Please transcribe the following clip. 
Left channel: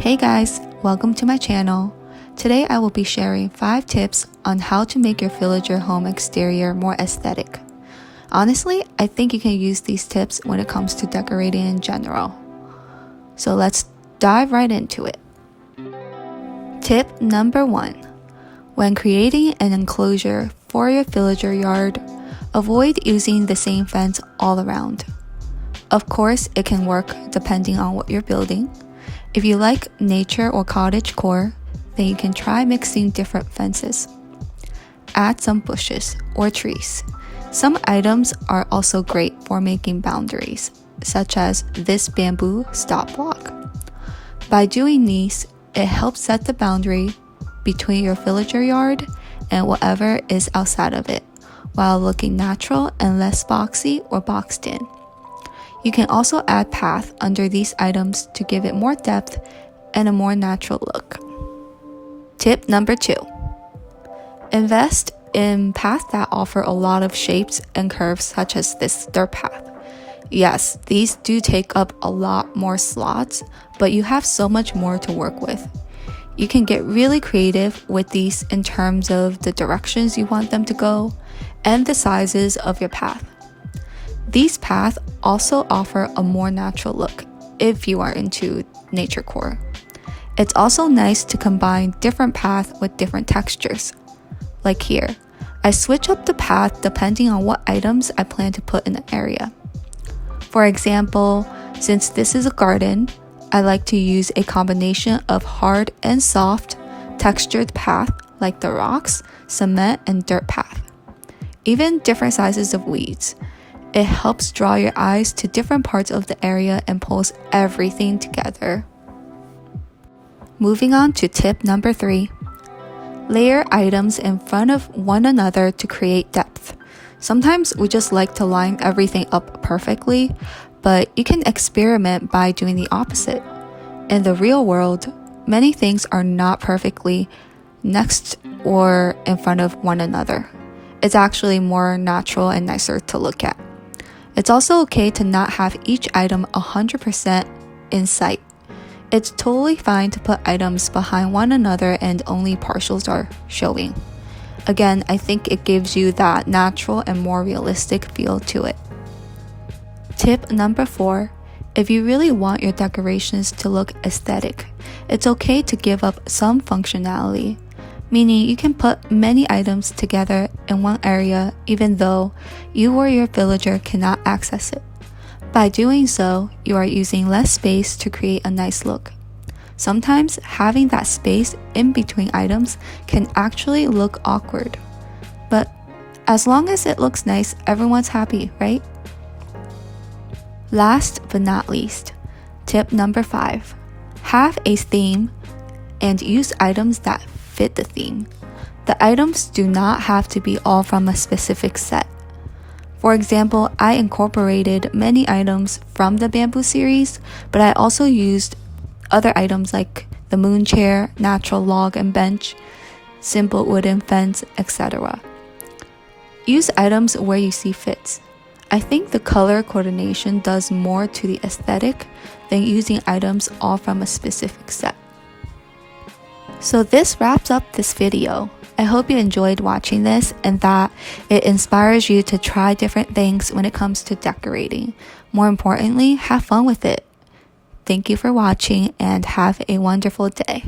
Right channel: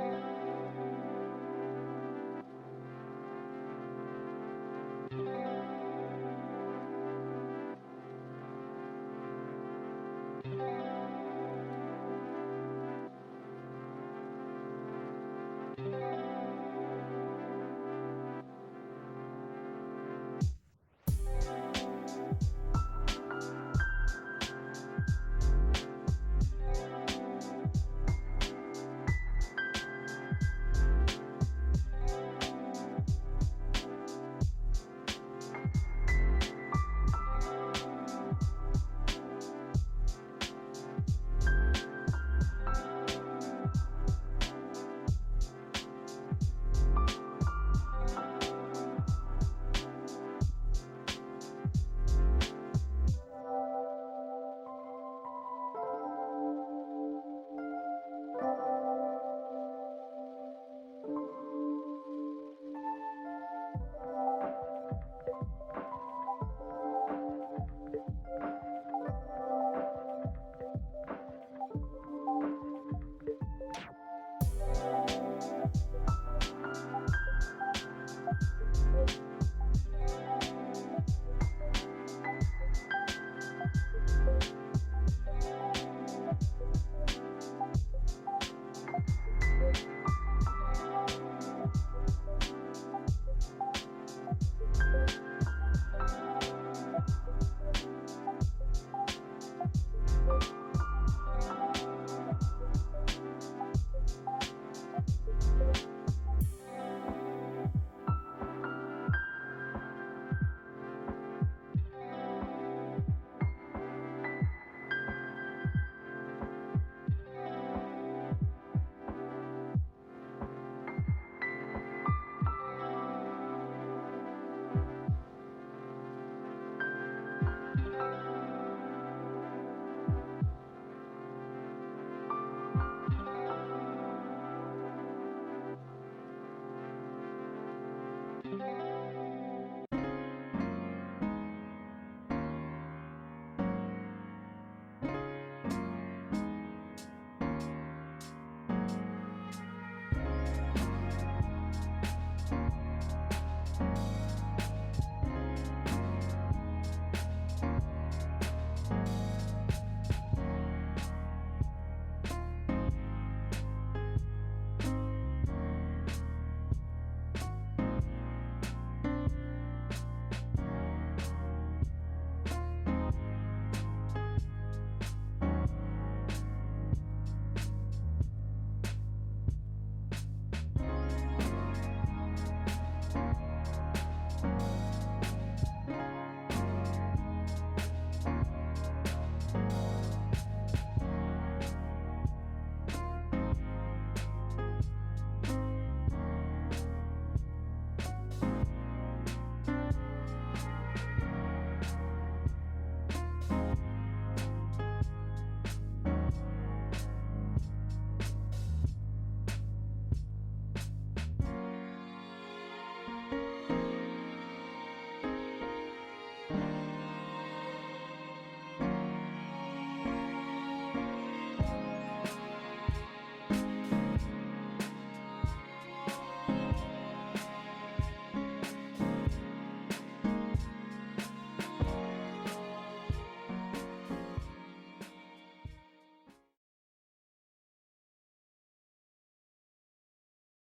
Hey guys, welcome to my channel. Today I will be sharing 5 tips on how to make your villager home exterior more aesthetic. Honestly, I think you can use these tips when it comes to decorating in general. So let's dive right into it. Tip number 1. When creating an enclosure for your villager yard, avoid using the same fence all around. Of course, it can work depending on what you're building. If you like nature or cottage core, then you can try mixing different fences. Add some bushes or trees. Some items are also great for making boundaries, such as this bamboo stop block. By doing these, it helps set the boundary between your villager yard and whatever is outside of it, while looking natural and less boxy or boxed in. You can also add path under these items to give it more depth and a more natural look. Tip number 2. Invest in paths that offer a lot of shapes and curves, such as this dirt path. Yes, these do take up a lot more slots, but you have so much more to work with. You can get really creative with these in terms of the directions you want them to go and the sizes of your path. These paths also offer a more natural look if you are into nature core. It's also nice to combine different paths with different textures. Like here, I switch up the path depending on what items I plan to put in the area. For example, since this is a garden, I like to use a combination of hard and soft textured path like the rocks, cement, and dirt path. Even different sizes of weeds. It helps draw your eyes to different parts of the area and pulls everything together. Moving on to tip number 3. Layer items in front of one another to create depth. Sometimes we just like to line everything up perfectly, but you can experiment by doing the opposite. In the real world, many things are not perfectly next or in front of one another. It's actually more natural and nicer to look at. It's also okay to not have each item 100% in sight. It's totally fine to put items behind one another and only partials are showing. Again, I think it gives you that natural and more realistic feel to it. Tip number 4. If you really want your decorations to look aesthetic, it's okay to give up some functionality. Meaning you can put many items together in one area even though you or your villager cannot access it. By doing so, you are using less space to create a nice look. Sometimes having that space in between items can actually look awkward. But as long as it looks nice, everyone's happy, right? Last but not least, tip number 5. Have a theme and use items that fit the theme. The items do not have to be all from a specific set. For example, I incorporated many items from the bamboo series, but I also used other items like the moon chair, natural log and bench, simple wooden fence, etc. Use items where you see fits. I think the color coordination does more to the aesthetic than using items all from a specific set. So this wraps up this video. I hope you enjoyed watching this and that it inspires you to try different things when it comes to decorating. More importantly, have fun with it. Thank you for watching and have a wonderful day.